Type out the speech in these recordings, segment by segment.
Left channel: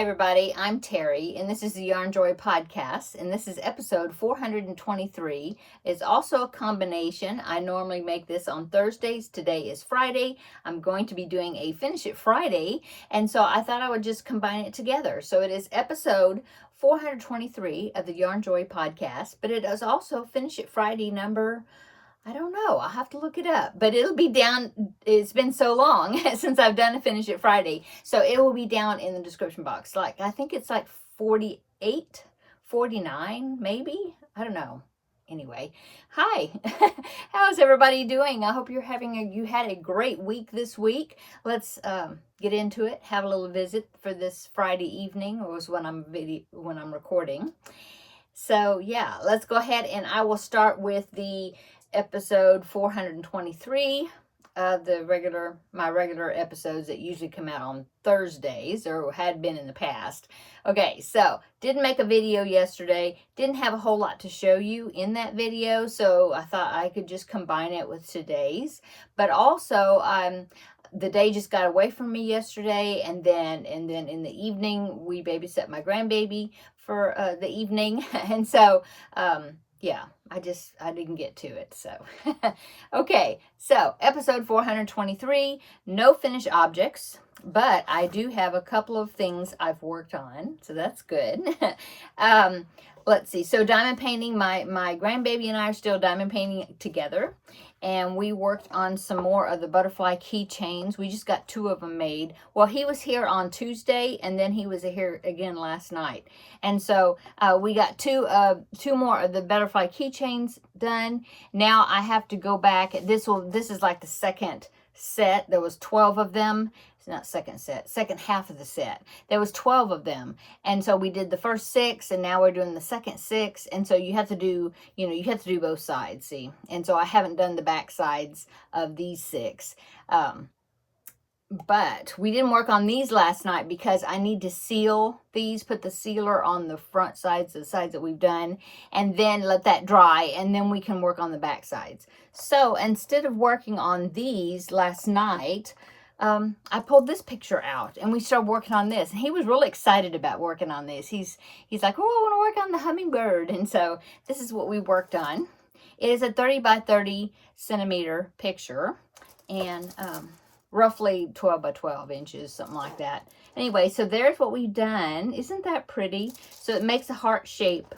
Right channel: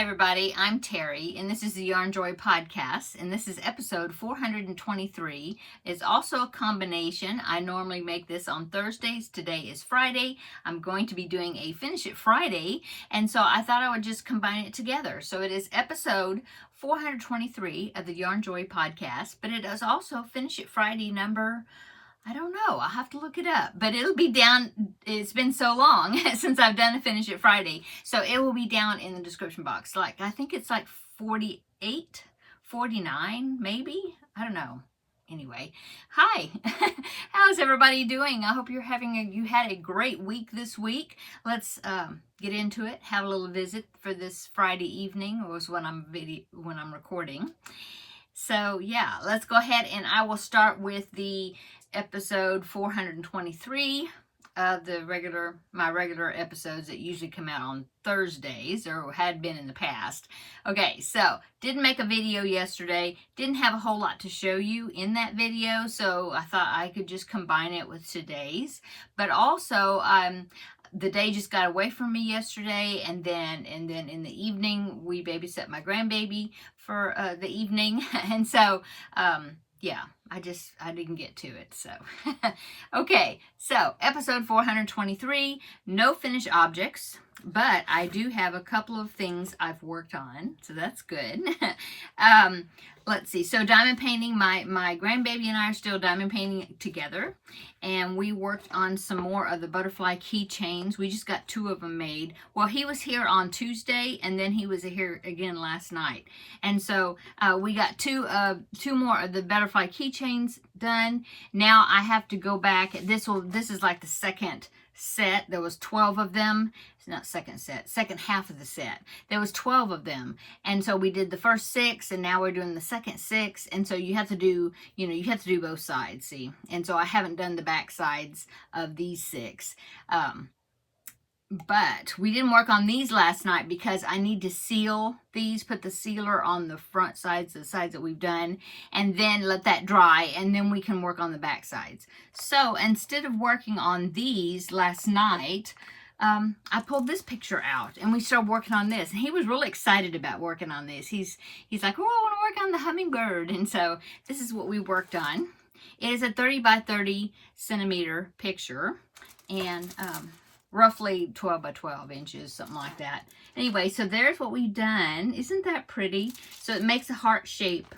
Hi everybody, I'm Terry and this is the Yarn Joy podcast and this is episode 423. It's also a combination. I normally make this on Thursdays. Today is Friday. I'm going to be doing a Finish It Friday, and so I thought I would just combine it together. So it is episode 423 of the Yarn Joy podcast, but it is also Finish It Friday number, I don't know. I'll have to look it up, but it'll be down. It's been so long since I've done a Finish It Friday. So it will be down in the description box. I think it's like 48, 49, maybe. I don't know. Anyway, hi. How's everybody doing? I hope you had a great week this week. Let's get into it. Have a little visit for this Friday evening, was when I'm recording. So yeah, let's go ahead and I will start with the episode 423 of my regular episodes that usually come out on Thursdays, or had been in the past. Okay, so didn't make a video yesterday, didn't have a whole lot to show you in that video, so I thought I could just combine it with today's. But also the day just got away from me yesterday, and then in the evening we babysat my grandbaby for the evening, and so yeah, I didn't get to it, so. Okay, so episode 423, no finished objects, but I do have a couple of things I've worked on, so that's good. Let's see, so diamond painting, my grandbaby and I are still diamond painting together, and we worked on some more of the butterfly keychains. We just got 2 of them made. Well, he was here on Tuesday, and then he was here again last night. And so we got two more of the butterfly keychains done. Now I have to go back. This is like the second set. There was 12 of them. It's not second set, second half of the set. There was 12 of them. And so we did the first 6, and now we're doing the second 6. And so you have to do, you have to do both sides, see? And so I haven't done the back sides of these 6. But we didn't work on these last night because I need to seal these, put the sealer on the front sides, the sides that we've done, and then let that dry, and then we can work on the back sides. So instead of working on these last night, I pulled this picture out and we started working on this. And he was really excited about working on this. He's like, oh, I want to work on the hummingbird. And so this is what we worked on. It is a 30 by 30 centimeter picture, and roughly 12 by 12 inches, something like that. Anyway, so there's what we've done. Isn't that pretty? So it makes a heart shape.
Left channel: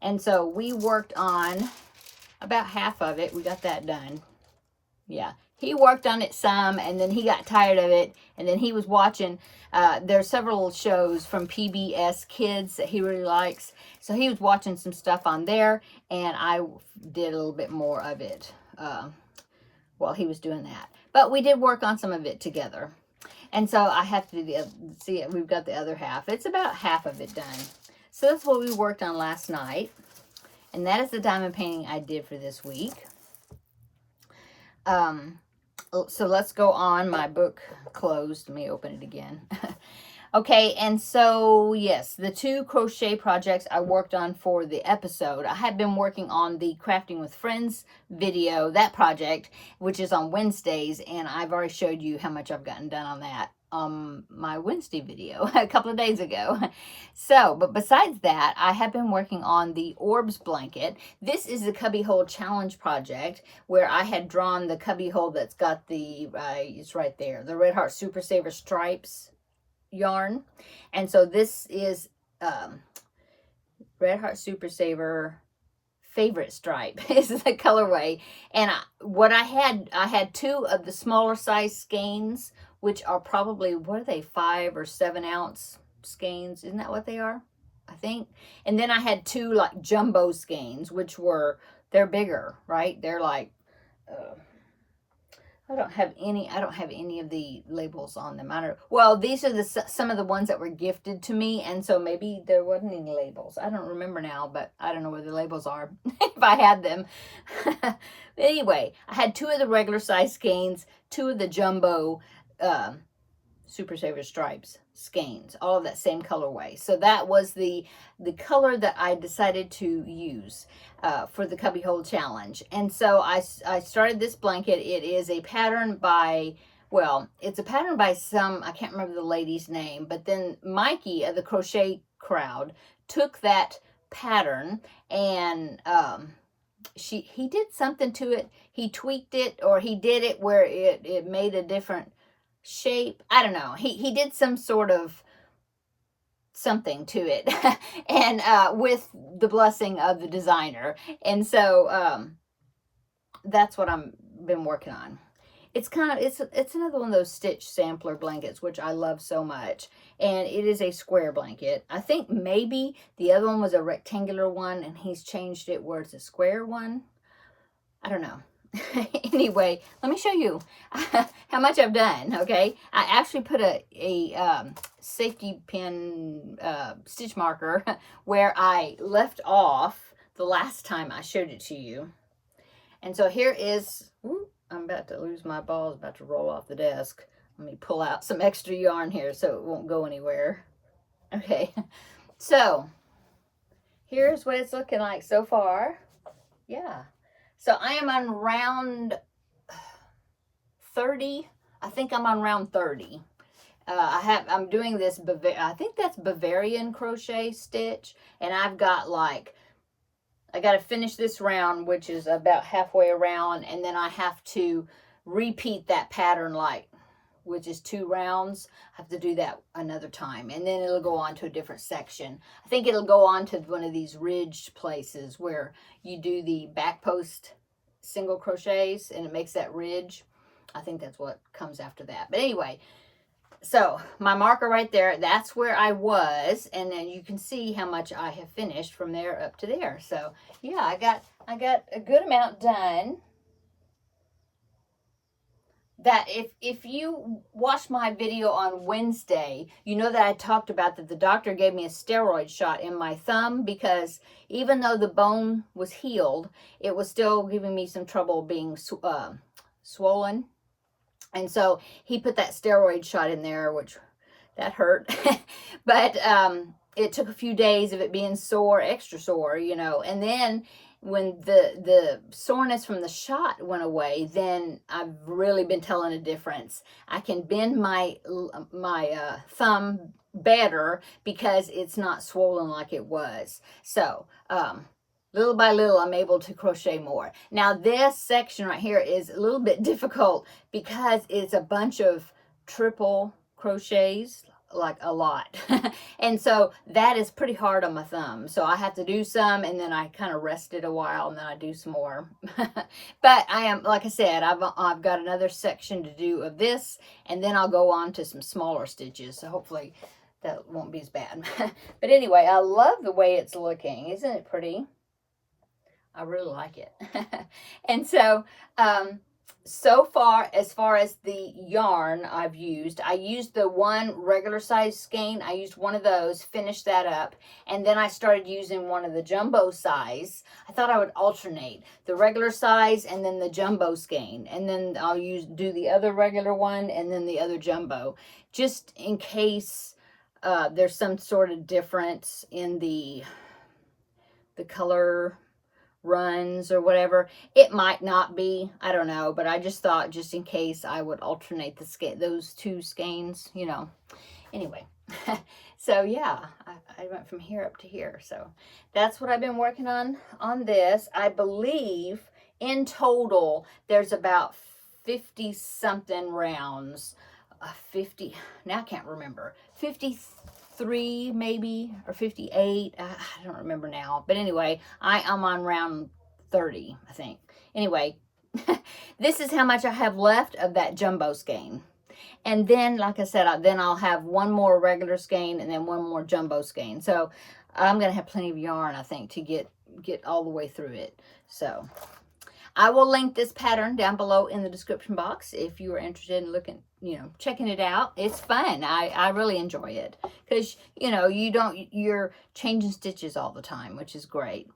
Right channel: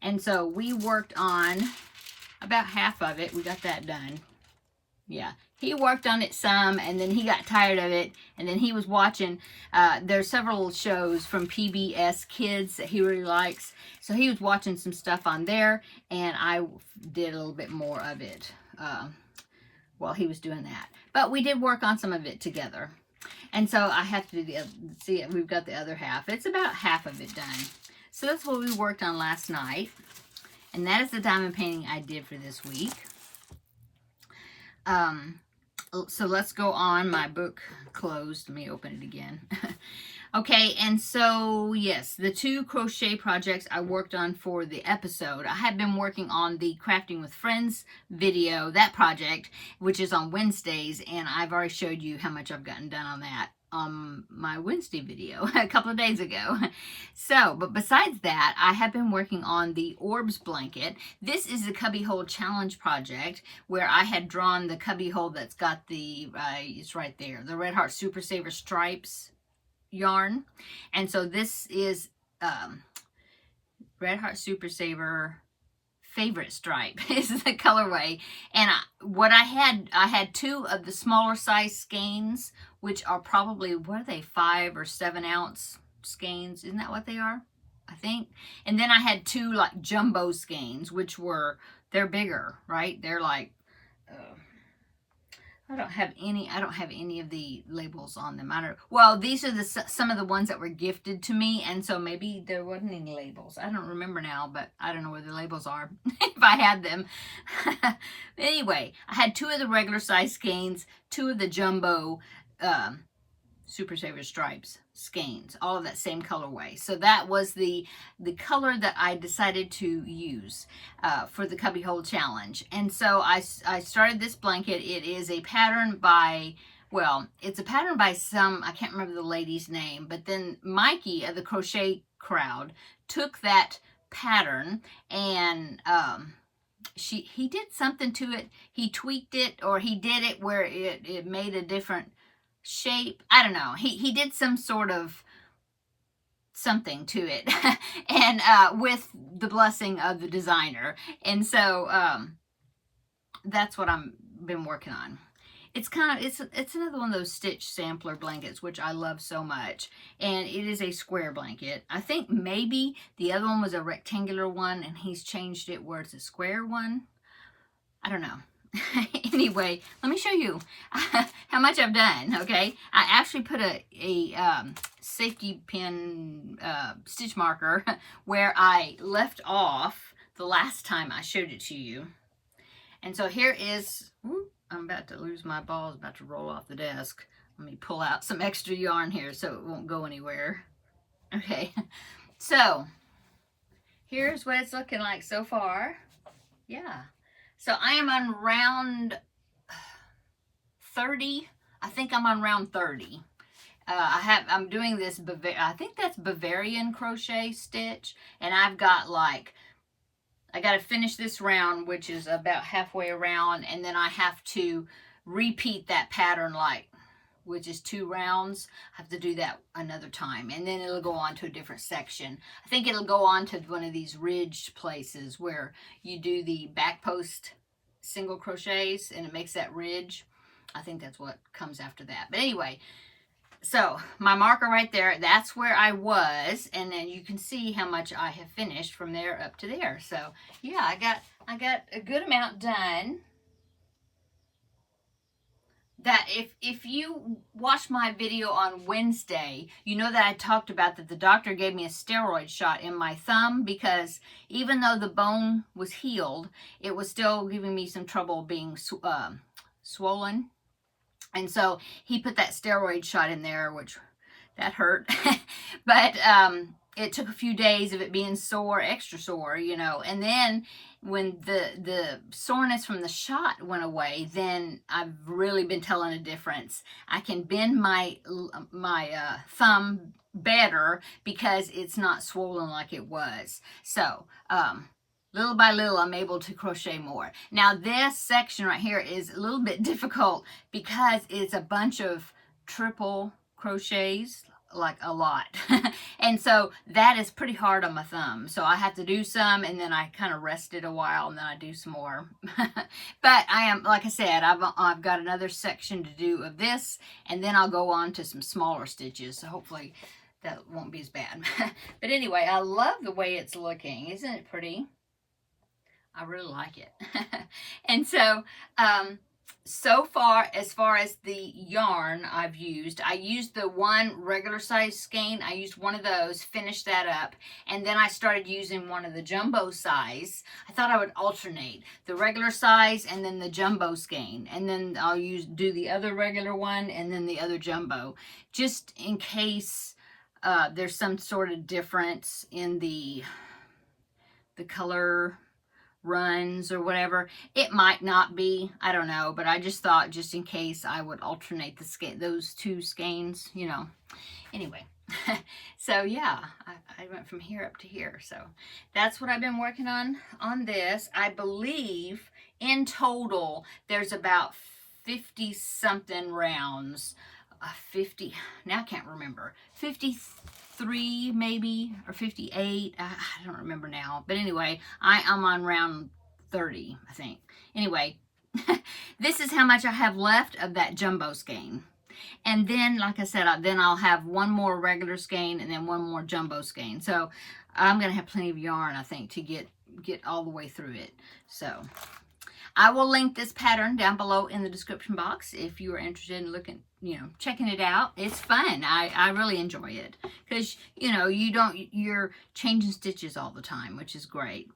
And so we worked on about half of it. We got that done. Yeah. He worked on it some, and then he got tired of it, and then he was watching, there's several shows from PBS Kids that he really likes, so he was watching some stuff on there, and I did a little bit more of it while he was doing that. But we did work on some of it together, and so I have to do the other, see, we've got the other half. It's about half of it done. So that's what we worked on last night, and that is the diamond painting I did for this week. So let's go on. My book closed. Let me open it again. Okay, and so yes, the 2 crochet projects I worked on for the episode. I had been working on the Crafting with Friends video, that project, which is on Wednesdays, and I've already showed you how much I've gotten done on that my Wednesday video a couple of days ago. So, but besides that, I have been working on the Orbs blanket. This is the Cubbyhole Challenge project, where I had drawn the cubbyhole that's got the, it's right there, the Red Heart Super Saver stripes yarn. And so this is Red Heart Super Saver favorite stripe is the colorway. And I had 2 of the smaller size skeins, which are probably, what are they, 5 or 7 ounce skeins? Isn't that what they are? I think. And then I had 2 like jumbo skeins, which they're bigger, right? They're like, I don't have any of the labels on them. Well, these are some of the ones that were gifted to me, and so maybe there wasn't any labels. I don't remember now, but I don't know where the labels are if I had them. Anyway, I had 2 of the regular size skeins, 2 of the jumbo Super Saver stripes skeins, all of that same colorway. So that was the color that I decided to use for the Cubbyhole Challenge. And so I started this blanket. It is a pattern by well, it's a pattern by I can't remember the lady's name, but then Mikey of the Crochet Crowd took that pattern and he did something to it. He tweaked it, or he did it where it made a different shape. I don't know. He did some sort of something to it and with the blessing of the designer. And so that's what I've been working on. It's it's another one of those stitch sampler blankets, which I love so much. And it is a square blanket. I think maybe the other one was a rectangular one and he's changed it where it's a square one. I don't know. Anyway, let me show you how much I've done, okay? I actually put a safety pin stitch marker where I left off the last time I showed it to you. And so here is, I'm about to lose my balls, about to roll off the desk. Let me pull out some extra yarn here so it won't go anywhere. Okay, so here's what it's looking like so far. Yeah, so I am on round 30. I think I'm on round 30. I'm doing this, I think that's Bavarian crochet stitch, and I've got like, I got to finish this round, which is about halfway around, and then I have to repeat that pattern, like, which is 2 rounds. I have to do that another time, and then it'll go on to a different section. I think it'll go on to one of these ridged places where you do the back post single crochets, and it makes that ridge. I think that's what comes after that. But anyway, so my marker right there, that's where I was, and then you can see how much I have finished from there up to there. So yeah, I got a good amount done. That if you watched my video on Wednesday, you know that I talked about that the doctor gave me a steroid shot in my thumb because even though the bone was healed, it was still giving me some trouble being swollen. And so he put that steroid shot in there, which that hurt. But it took a few days of it being sore, extra sore, you know. And then when the soreness from the shot went away, then I've really been telling a difference. I can bend my thumb better because it's not swollen like it was. So little by little, I'm able to crochet more. Now, this section right here is a little bit difficult because it's a bunch of triple crochets, like a lot. And so that is pretty hard on my thumb. So I have to do some, and then I kind of rest it a while, and then I do some more. But I am, like I said, I've got another section to do of this, and then I'll go on to some smaller stitches. So hopefully that won't be as bad. But anyway, I love the way it's looking. Isn't it pretty? I really like it. And so, so far, as far as the yarn I used the one regular size skein. I used one of those, finished that up, and then I started using one of the jumbo size. I thought I would alternate the regular size and then the jumbo skein, and then I'll do the other regular one and then the other jumbo, just in case there's some sort of difference in the color runs or whatever. It might not be, I don't know, but I just thought, just in case, I would alternate those 2 skeins, you know. Anyway, so yeah, I went from here up to here. So that's what I've been working on this. I believe in total there's about 50 something rounds. 50, now I can't remember, 53 maybe, or 58, I don't remember now. But anyway, I'm on round 30, I think. Anyway, this is how much I have left of that jumbo skein. And then, like I said, then I'll have one more regular skein and then one more jumbo skein. So I'm going to have plenty of yarn, I think, to get all the way through it. So I will link this pattern down below in the description box if you are interested in looking, you know, checking it out. It's fun. I really enjoy it because, you know, you're changing stitches all the time, which is great.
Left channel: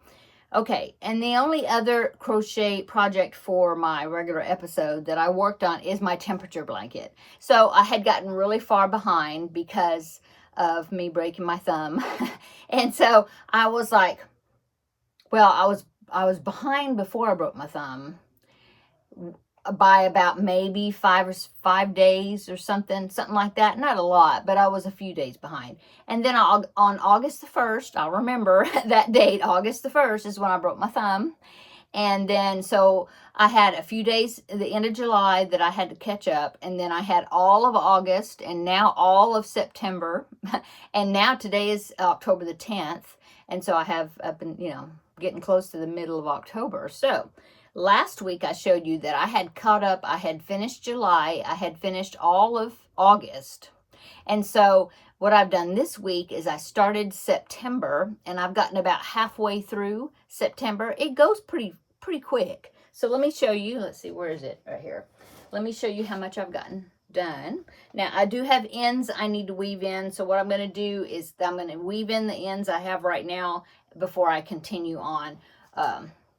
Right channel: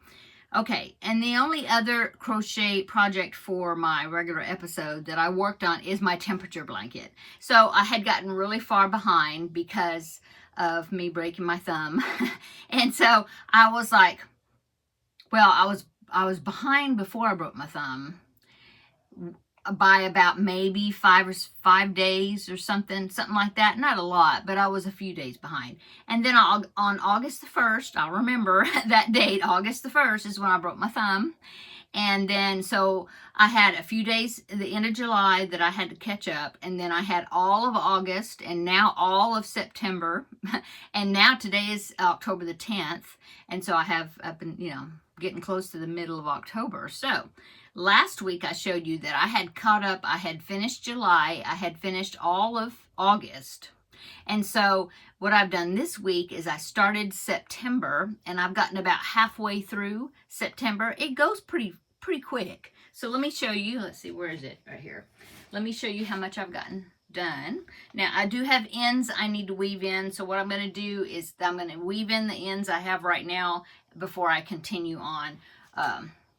Okay, and the only other crochet project for my regular episode that I worked on is my temperature blanket. So I had gotten really far behind because of me breaking my thumb. And so I was like, well, I was behind before I broke my thumb. by about maybe 5 days or something like that. Not a lot, but I was a few days behind. And then on August the 1st, I'll remember that date, August the 1st is when I broke my thumb. And then, so I had a few days at the end of July that I had to catch up. And then I had all of August and now all of September. And now today is October the 10th. And so I have up and, getting close to the middle of October. So last week I showed you that I had caught up. I had finished July. I had finished all of August. And so what I've done this week is I started September, and I've gotten about halfway through September. It goes pretty quick. So let me show you. Let's see, where is it? Right here. Let me show you how much I've gotten done. Now, I do have ends I need to weave in. So what I'm going to do is I'm going to weave in the ends I have right now before I continue on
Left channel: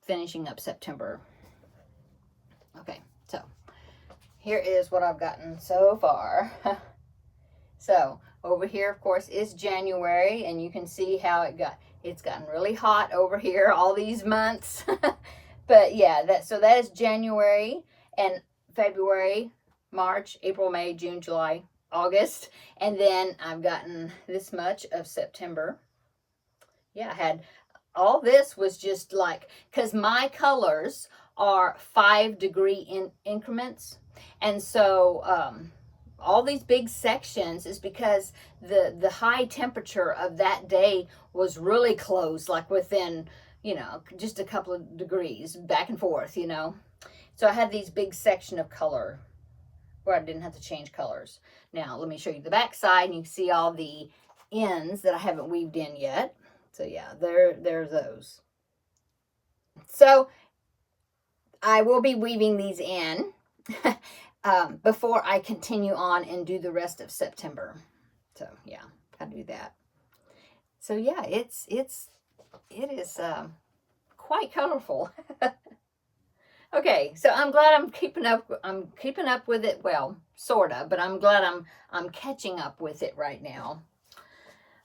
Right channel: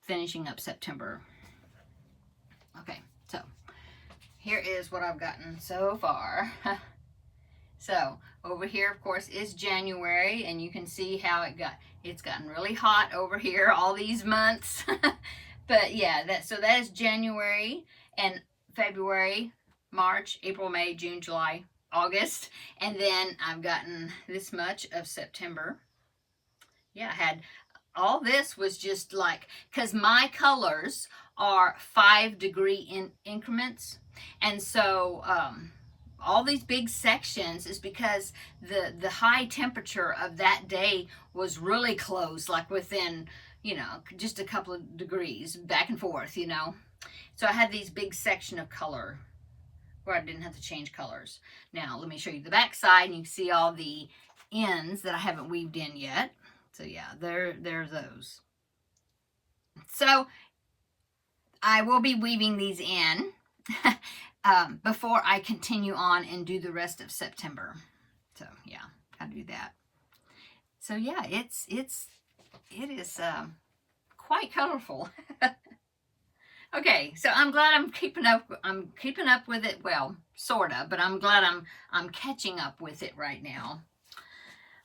finishing up September. Okay, so here is what I've gotten so far. So over here, of course, is January, and you can see how it's gotten really hot over here all these months. But yeah, that is January, and February, March, April, May, June, July, August, and then I've gotten this much of September. Yeah, I had all this was just like, because my colors are 5-degree increments, and so all these big sections is because the high temperature of that day was really close, like within, just a couple of degrees back and forth, So I had these big section of color where I didn't have to change colors. Now, let me show you the back side, and you can see all the ends that I haven't weaved in yet. So yeah, there's those. So I will be weaving these in before I continue on and do the rest of September. So yeah, gotta do that. So yeah, it is quite colorful. Okay, so I'm glad I'm keeping up with it. Well, sorta, but I'm glad I'm catching up with it right now.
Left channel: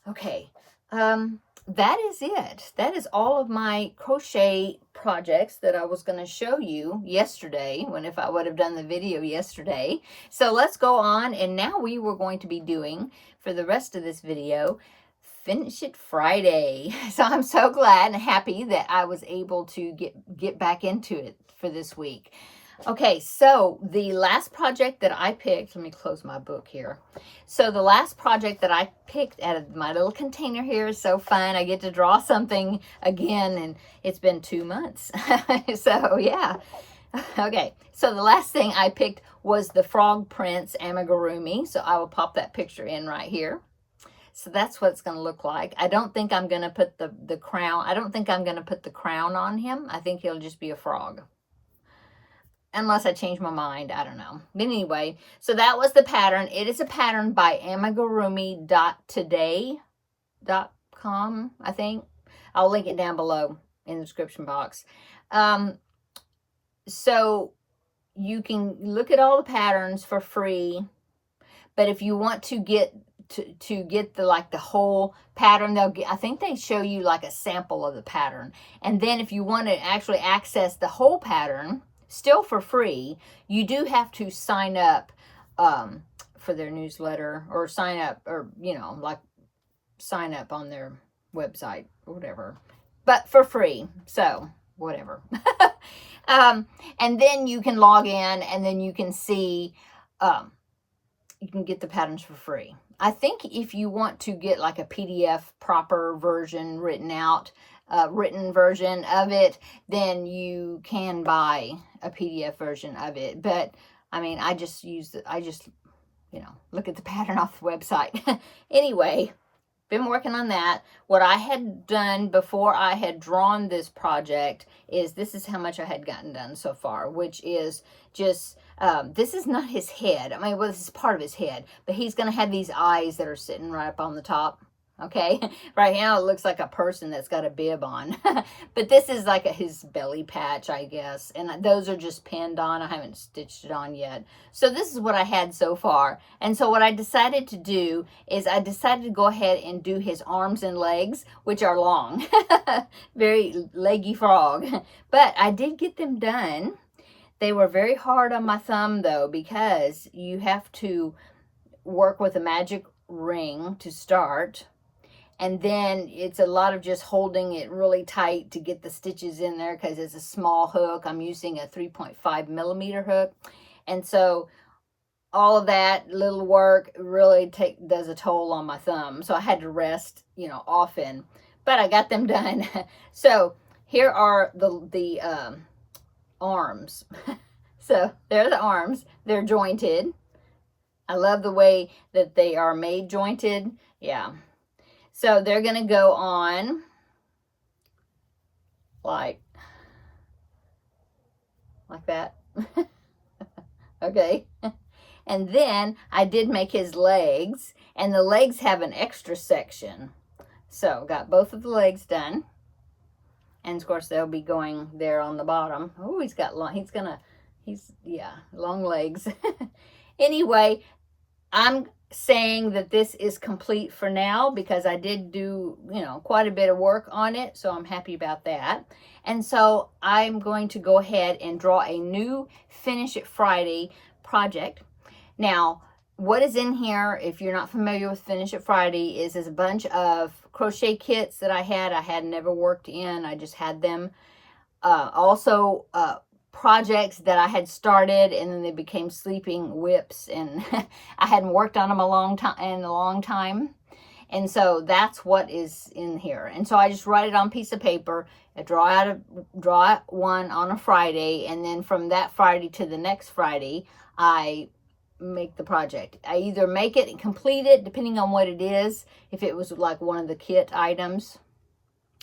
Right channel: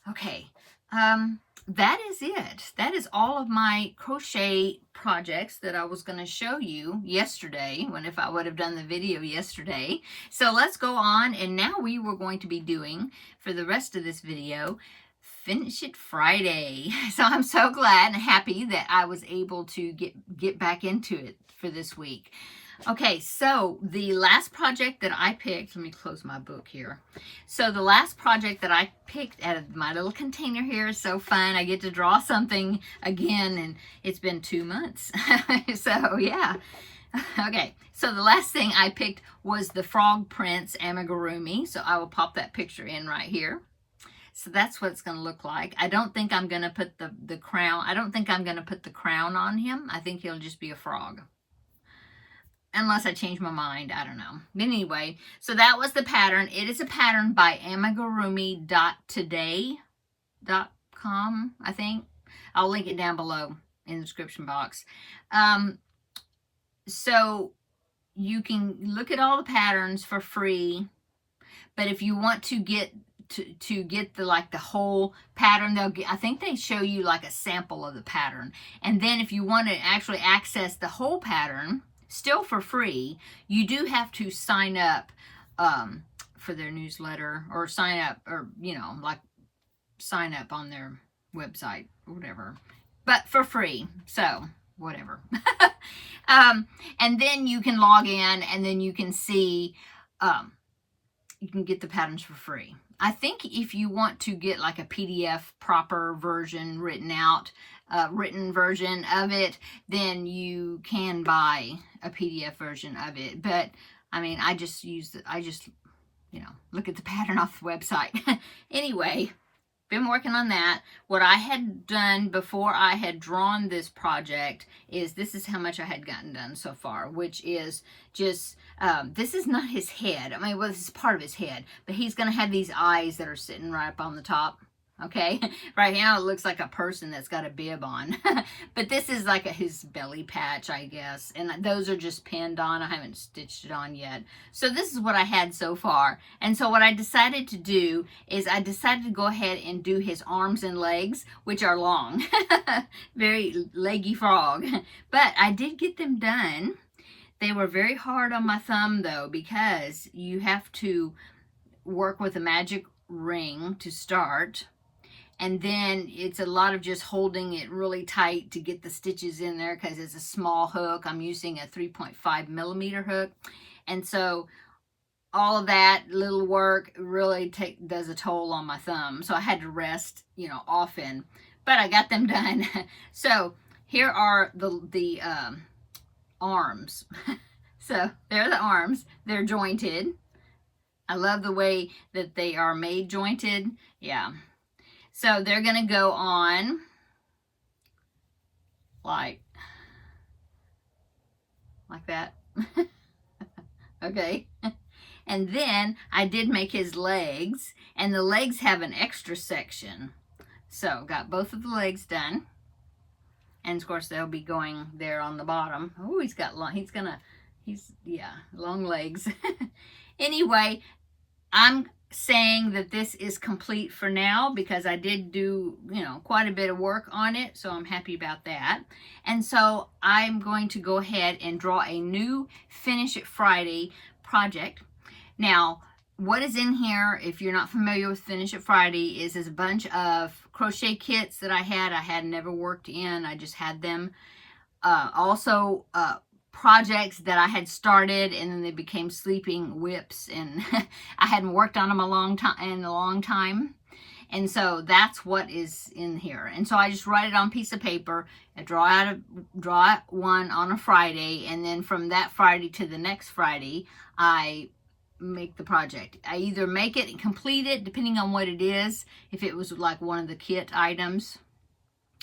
Okay, that is it. That is all of my crochet projects that I was going to show you yesterday, if I would have done the video yesterday. So let's go on, and now we were going to be doing, for the rest of this video, Finish It Friday. So I'm so glad and happy that I was able to get back into it for this week. Okay, so the last project that I picked, let me close my book here. So the last project that I picked out of my little container here is so fun. I get to draw something again, and it's been 2 months. So yeah. Okay, so the last thing I picked was the Frog Prince amigurumi. So I will pop that picture in right here. So that's what it's going to look like. I don't think I'm going to put the crown. I don't think I'm going to put the crown on him. I think he'll just be a frog. Unless I change my mind, I don't know. But anyway, so that was the pattern. It is a pattern by amigurumi.today.com, I think. I'll link it down below in the description box. So you can look at all the patterns for free. But if you want to get the whole pattern, I think they show you like a sample of the pattern. And then if you want to actually access the whole pattern, still for free, you do have to sign up for their newsletter, or sign up on their website or whatever, but for free. So whatever. And then you can log in, and then you can see, you can get the patterns for free. I think if you want to get like a PDF proper version written version of it, then you can buy a PDF version of it. But I mean, I just look at the pattern off the website. Anyway, been working on that. What I had done before I had drawn this project is, this is how much I had gotten done so far, which is just, this is not his head. I mean, well, this is part of his head, but he's going to have these eyes that are sitting right up on the top. Okay, right now it looks like a person that's got a bib on, but this is like his belly patch, I guess, and those are just pinned on. I haven't stitched it on yet. So this is what I had so far. And so what I decided to do is I decided to go ahead and do his arms and legs, which are long. Very leggy frog, but I did get them done. They were very hard on my thumb though, because you have to work with a magic ring to start. And then it's a lot of just holding it really tight to get the stitches in there, because it's a small hook. I'm using a 3.5 millimeter hook. And so all of that little work really does a toll on my thumb. So I had to rest, you know, often, but I got them done. So here are the arms. So they're the arms. They're jointed. I love the way that they are made jointed. Yeah. So they're going to go on like that. Okay. And then I did make his legs, and the legs have an extra section. So got both of the legs done. And of course they'll be going there on the bottom. Oh, he's got long, yeah, long legs. Anyway, I'm saying that this is complete for now, because I did do, you know, quite a bit of work on it. So I'm happy about that. And so I'm going to go ahead and draw a new Finish It Friday project. Now, what is in here, if you're not familiar with Finish It Friday, is a bunch of crochet kits that I had never worked in. I just had them. Also, projects that I had started, and then they became sleeping whips, and I hadn't worked on them a long time. And so that's what is in here. And so I just write it on a piece of paper. I draw one on a Friday, and then from that Friday to the next Friday, I make the project. I either make it and complete it, depending on what it is, if it was like one of the kit items.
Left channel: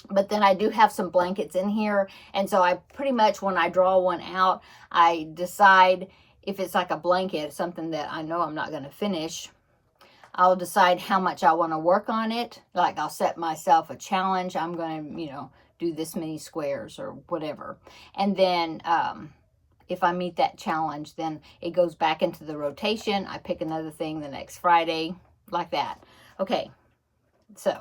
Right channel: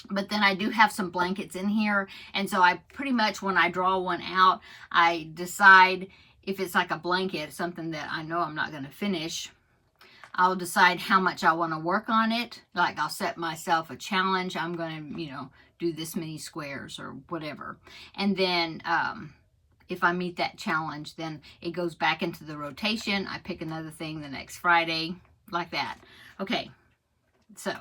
But then I do have some blankets in here, and so I pretty much, when I draw one out, I decide if it's like a blanket, something that I know I'm not going to finish, I'll decide how much I want to work on it. Like, I'll set myself a challenge. I'm going to, you know, do this many squares or whatever. And then if I meet that challenge, then it goes back into the rotation. I pick another thing the next Friday, like that. Okay, so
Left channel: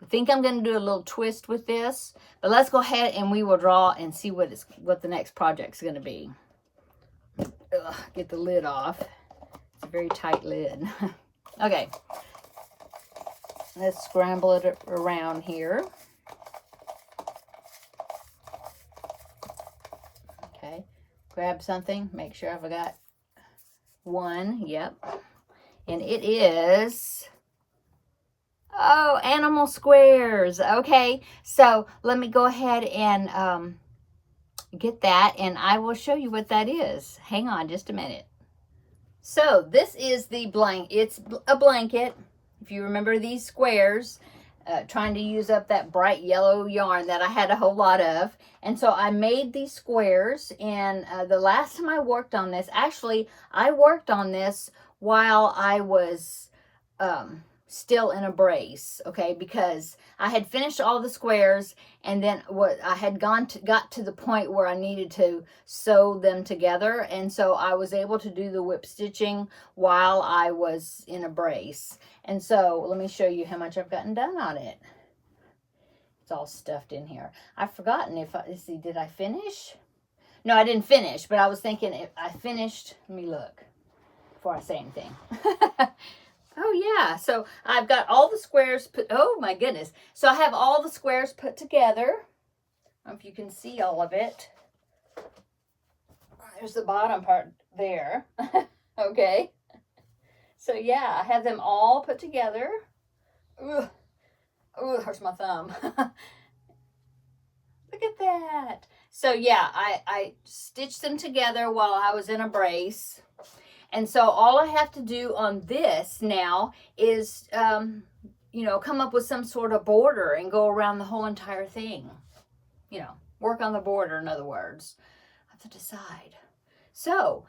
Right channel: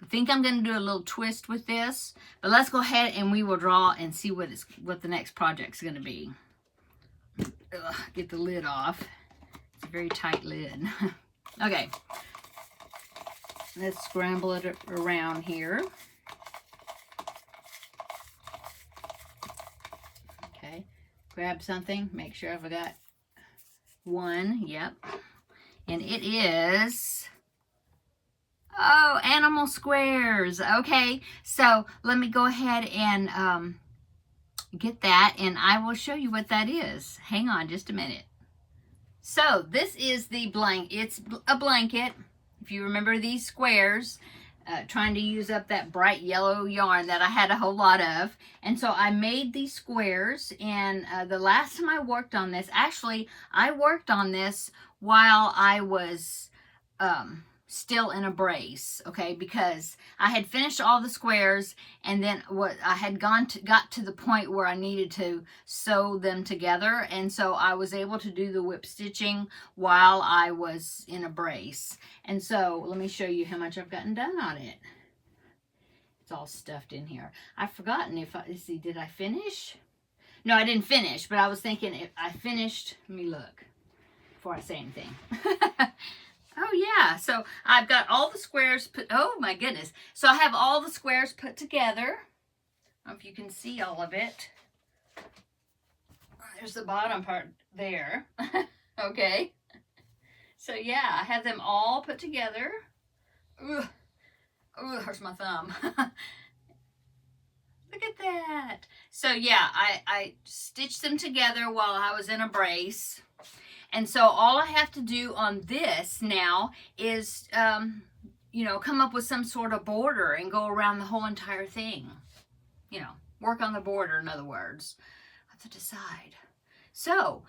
I think I'm going to do a little twist with this, but let's go ahead and we will draw and see what the next project's going to be. Ugh, get the lid off. It's a very tight lid. Okay, let's scramble it around here. Okay, grab something, make sure I've got one. Yep, and it is, oh, animal squares. Okay, so let me go ahead and get that, and I will show you what that is. Hang on just a minute. So this is the it's a blanket. If you remember these squares, trying to use up that bright yellow yarn that I had a whole lot of. And so I made these squares, and the last time I worked on this, actually I worked on this while I was still in a brace, okay, because I had finished all the squares, and then I had got to the point where I needed to sew them together, and so I was able to do the whip stitching while I was in a brace. And so let me show you how much I've gotten done on it. It's all stuffed in here. I've forgotten let's see, did I finish? No, I didn't finish, but I was thinking if I finished, let me look before I say anything. Oh yeah, so I've got all the squares put, oh my goodness. So I have all the squares put together. I don't know if you can see all of it. There's the bottom part there. Okay. So yeah, I have them all put together. Ugh. Ugh, hurts my thumb. Look at that. So yeah, I stitched them together while I was in a brace. And so all I have to do on this now is, you know, come up with some sort of border and go around the whole entire thing. You know, work on the border, in other words. I have to decide. So,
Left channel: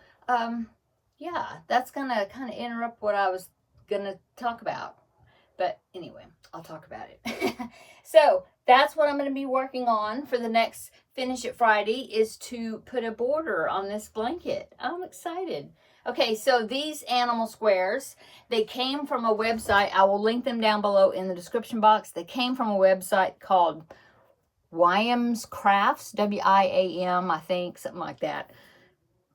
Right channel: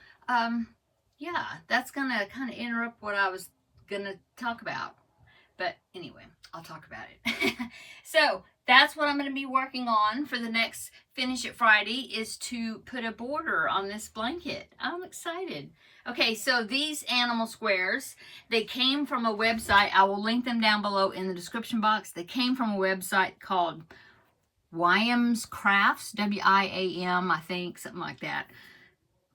yeah, that's going to kind of interrupt what I was going to talk about. But anyway, I'll talk about it. So that's what I'm going to be working on for the next Finish It Friday, is to put a border on this blanket. I'm excited. Okay, so these animal squares, they came from a website. I will link them down below in the description box. They came from a website called Wyam's Crafts, W-I-A-M, I think, something like that.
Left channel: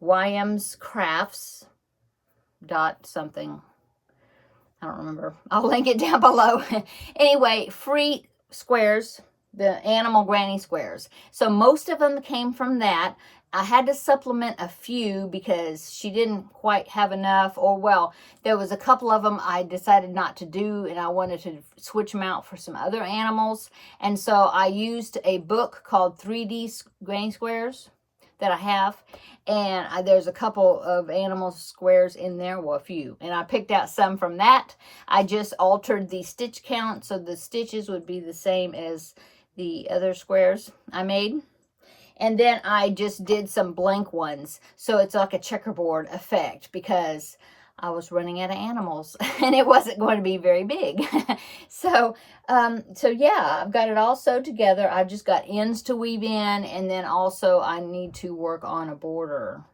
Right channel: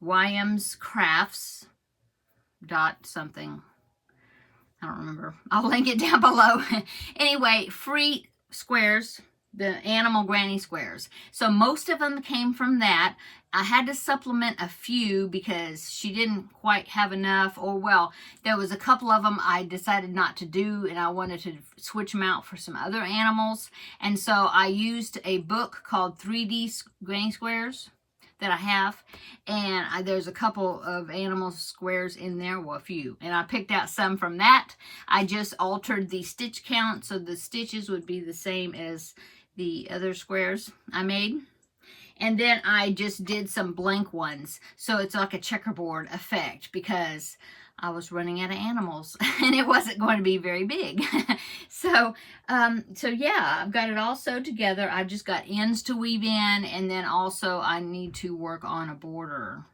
YM's Crafts dot something. I don't remember. I'll link it down below. Anyway, free squares, the animal granny squares. So most of them came from that. I had to supplement a few because she didn't quite have enough, or well, there was a couple of them I decided not to do, and I wanted to switch them out for some other animals. And so I used a book called 3D Granny Squares that I have, and there's a couple of animal squares in there, well, a few, and I picked out some from that. I just altered the stitch count so the stitches would be the same as the other squares I made, and then I just did some blank ones so it's like a checkerboard effect because I was running out of animals and it wasn't going to be very big. So yeah, I've got it all sewed together. I've just got ends to weave in, and then also I need to work on a border,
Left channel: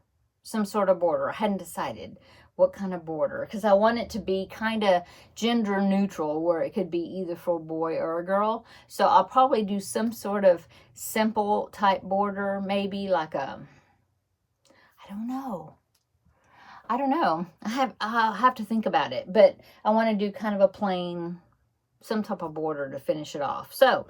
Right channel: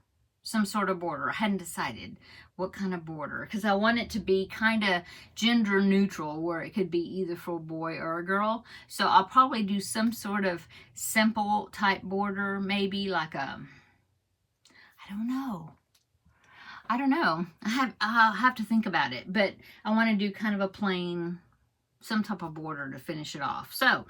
some sort of border. I hadn't decided what kind of border because I want it to be kind of gender neutral where it could be either for a boy or a girl. So I'll probably do some sort of simple type border, maybe like a, I don't know. I'll have to think about it, but I want to do kind of a plain, some type of border to finish it off. So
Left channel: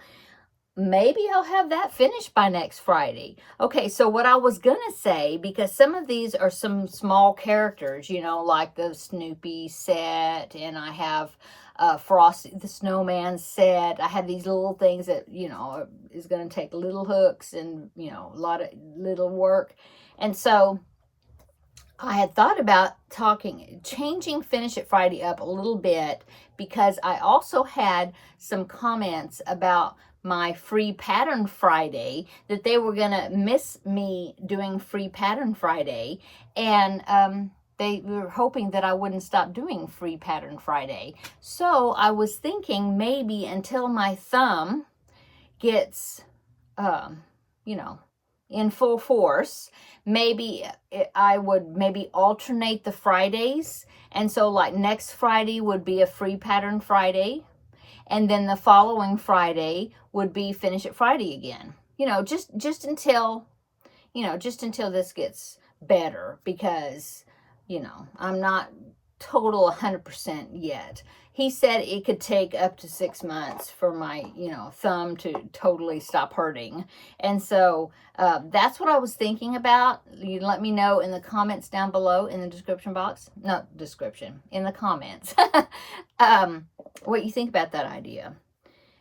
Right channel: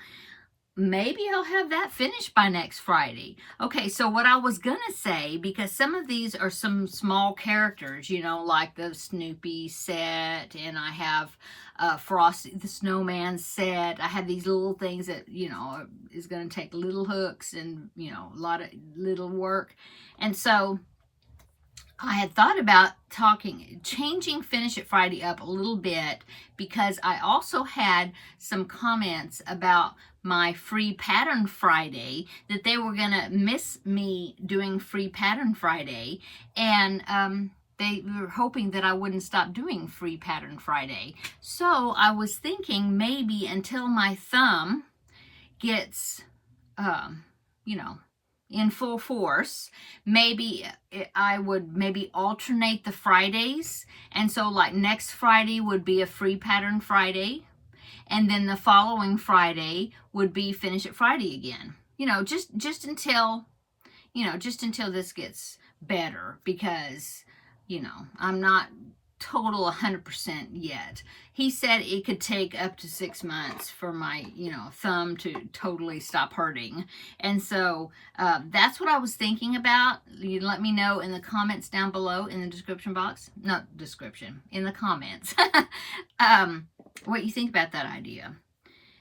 maybe I'll have that finished by next Friday. Okay, so what I was going to say, because some of these are some small characters, you know, like the Snoopy set, and I have Frosty the Snowman set. I have these little things that, you know, is going to take little hooks and, you know, a lot of little work. And so I had thought about changing Finish It Friday up a little bit because I also had some comments about my Free Pattern Friday, that they were going to miss me doing Free Pattern Friday, and they were hoping that I wouldn't stop doing Free Pattern Friday. So I was thinking maybe until my thumb gets, you know, in full force, maybe I would maybe alternate the Fridays. And so like next Friday would be a Free Pattern Friday, and then the following Friday would be Finish It Friday again. You know, just until, you know, just until this gets better, because, you know, I'm not total 100% yet. He said it could take up to 6 months for my, you know, thumb to totally stop hurting. And so that's what I was thinking about. You let me know in the comments down below in the description box. Not description, in the comments. What you think about that idea.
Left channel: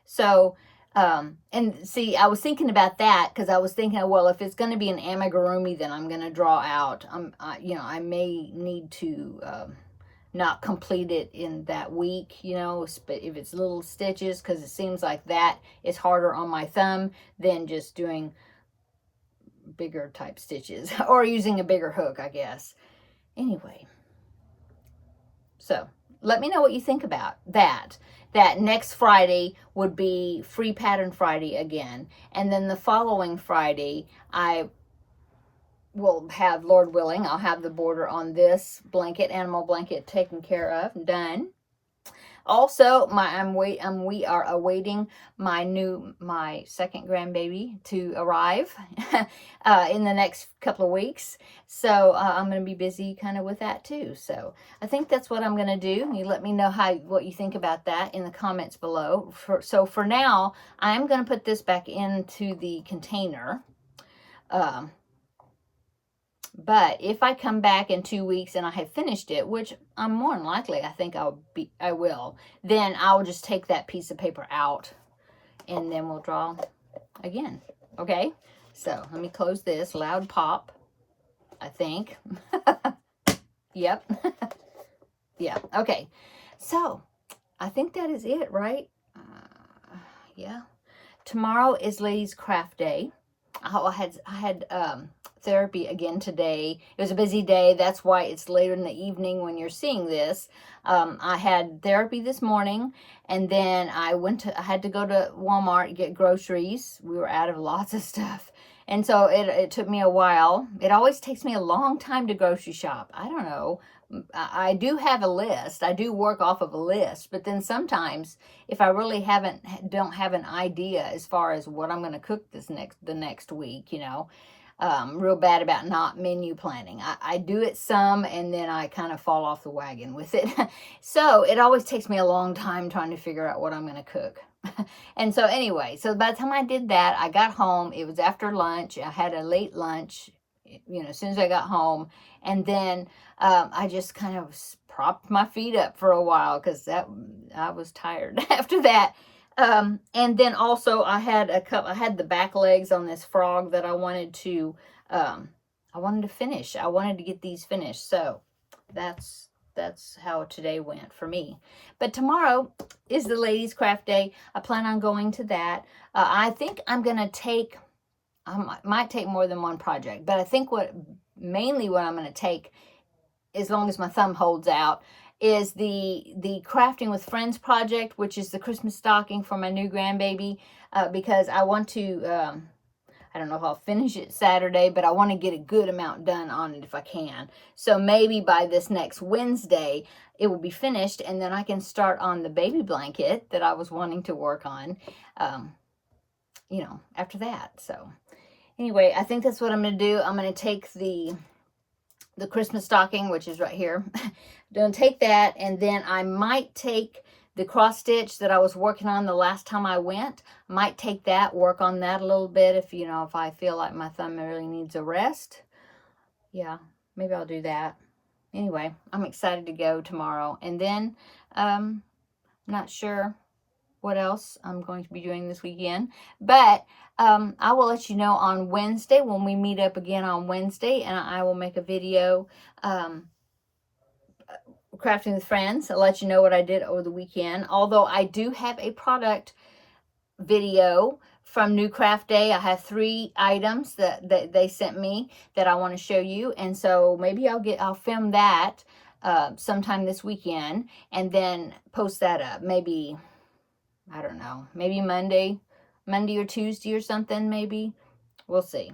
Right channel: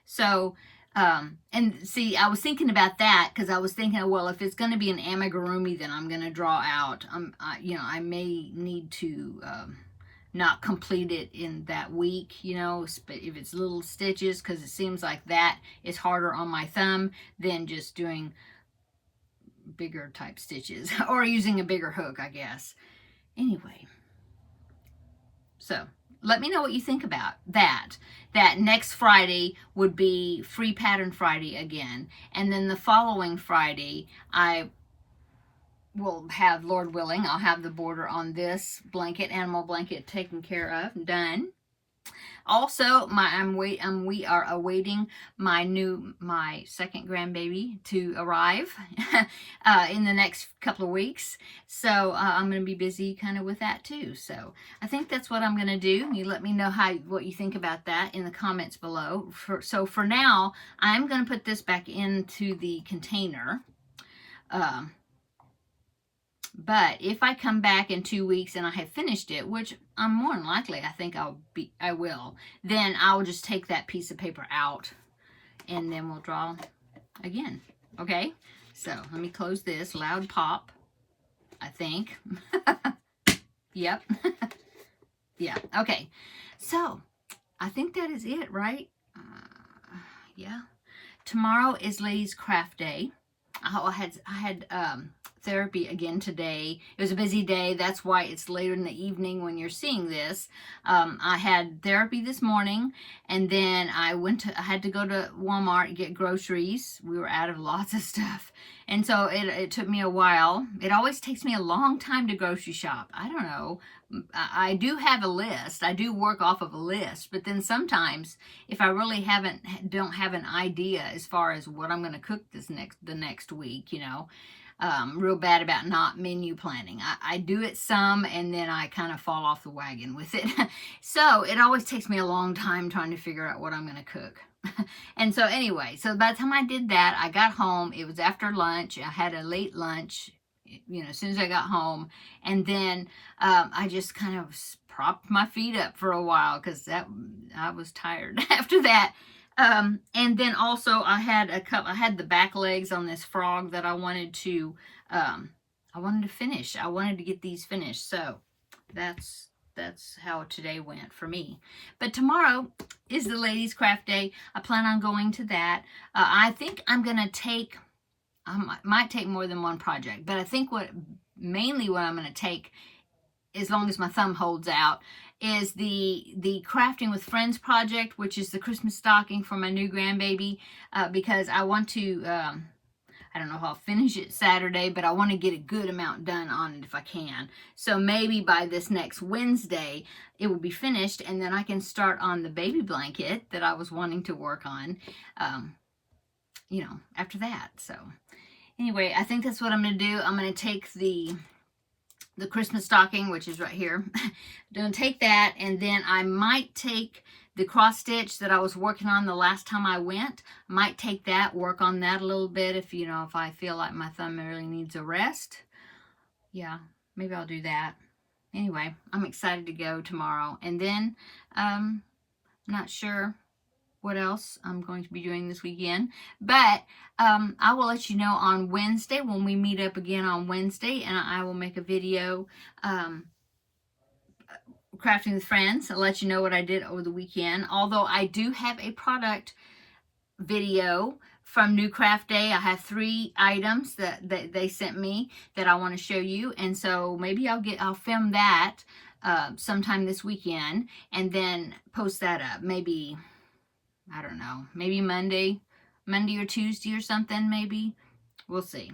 So, and see, I was thinking about that because I was thinking, well, if it's going to be an amigurumi, then I'm going to draw out. You know, I may need to not complete it in that week, you know, but if it's little stitches, because it seems like that is harder on my thumb than just doing bigger type stitches or using a bigger hook, I guess. Anyway, so let me know what you think about that. That next Friday would be Free Pattern Friday again, and then the following Friday I will have, Lord willing, I'll have the border on this blanket, animal blanket, taken care of, done. Also, we are awaiting my second grandbaby to arrive in the next couple of weeks. So I'm going to be busy kind of with that too. So I think that's what I'm going to do. You let me know what you think about that in the comments below. So for now, I'm going to put this back into the container. But if I come back in 2 weeks and I have finished it, which I'm more than likely, I think I will, then I'll just take that piece of paper out and then we'll draw again. Okay? So let me close this. Loud pop, I think. Yep. Yeah. Okay. So I think that is it, right? Yeah. Tomorrow is Ladies Craft Day. I had therapy again today. It was a busy day. That's why it's later in the evening when you're seeing this. I had therapy this morning, and then I had to go to Walmart and get groceries. We were out of lots of stuff. And so it took me a while. It always takes me a long time to grocery shop. I don't know. I do have a list. I do work off of a list, but then sometimes if I really don't have an idea as far as what I'm going to cook the next week, you know, real bad about not menu planning. I do it some, and then I kind of fall off the wagon with it. So it always takes me a long time trying to figure out what I'm going to cook. And so anyway, so by the time I did that, I got home. It was after lunch. I had a late lunch, as soon as I got home. And then I just kind of propped my feet up for a while because I was tired after that. And then also I had the back legs on this frog that I wanted to finish. I wanted to get these finished. So that's how today went for me. But tomorrow is the ladies craft day. I plan on going to that. I think I'm going to take, I might take more than one project, but I think mainly what I'm going to take, as long as my thumb holds out, is the Crafting with Friends project, which is the Christmas stocking for my new grandbaby, because I want to, I don't know if I'll finish it Saturday, but I want to get a good amount done on it if I can. So maybe by this next Wednesday, it will be finished, and then I can start on the baby blanket that I was wanting to work on, after that. So anyway, I think that's what I'm going to do. I'm going to take the Christmas stocking, which is right here. Don't take that, and then I might take the cross stitch that I was working on the last time I went. I might take that, work on that a little bit if I feel like my thumb really needs a rest. Yeah, maybe I'll do that. Anyway, I'm excited to go tomorrow. And then I'm not sure what else I'm going to be doing this weekend, but I will let you know on Wednesday when we meet up again on Wednesday, and I will make a video crafting with friends. I'll let you know what I did over the weekend, although I do have a product video from New Craft Day. I have 3 items that they sent me that I want to show you, and so maybe I'll film that sometime this weekend and then post that up. Maybe, I don't know, maybe Monday or Tuesday or something, maybe. We'll see.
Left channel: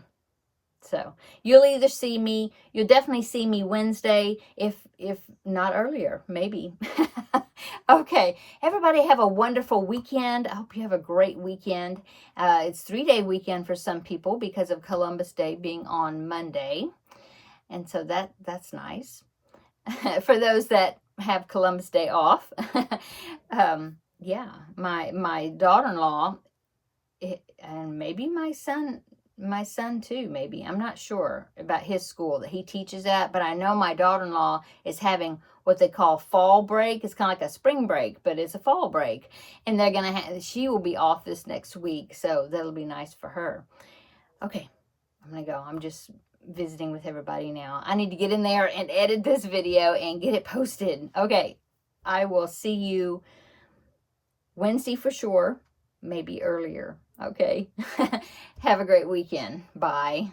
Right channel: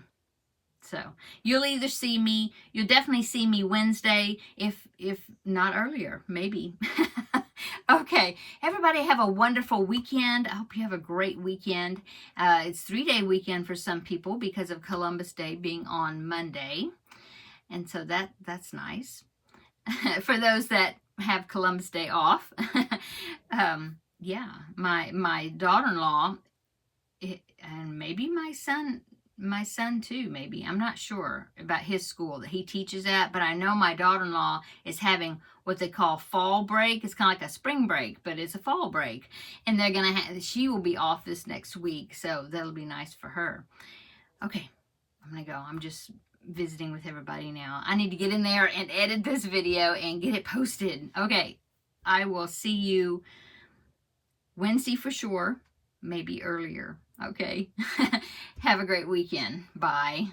So you'll definitely see me Wednesday, if not earlier, maybe. Okay, everybody have a wonderful weekend. I hope you have a great weekend. It's 3-day weekend for some people because of Columbus Day being on Monday. And so that's nice. For those that have Columbus Day off. Yeah, my daughter-in-law, and maybe my son too, maybe. I'm not sure about his school that he teaches at, but I know my daughter-in-law is having what they call fall break. It's kind of like a spring break, but it's a fall break. And she will be off this next week, so that'll be nice for her. Okay, I'm going to go. I'm just visiting with everybody now. I need to get in there and edit this video and get it posted. Okay, I will see you Wednesday for sure, maybe earlier. Okay. Have a great weekend. Bye.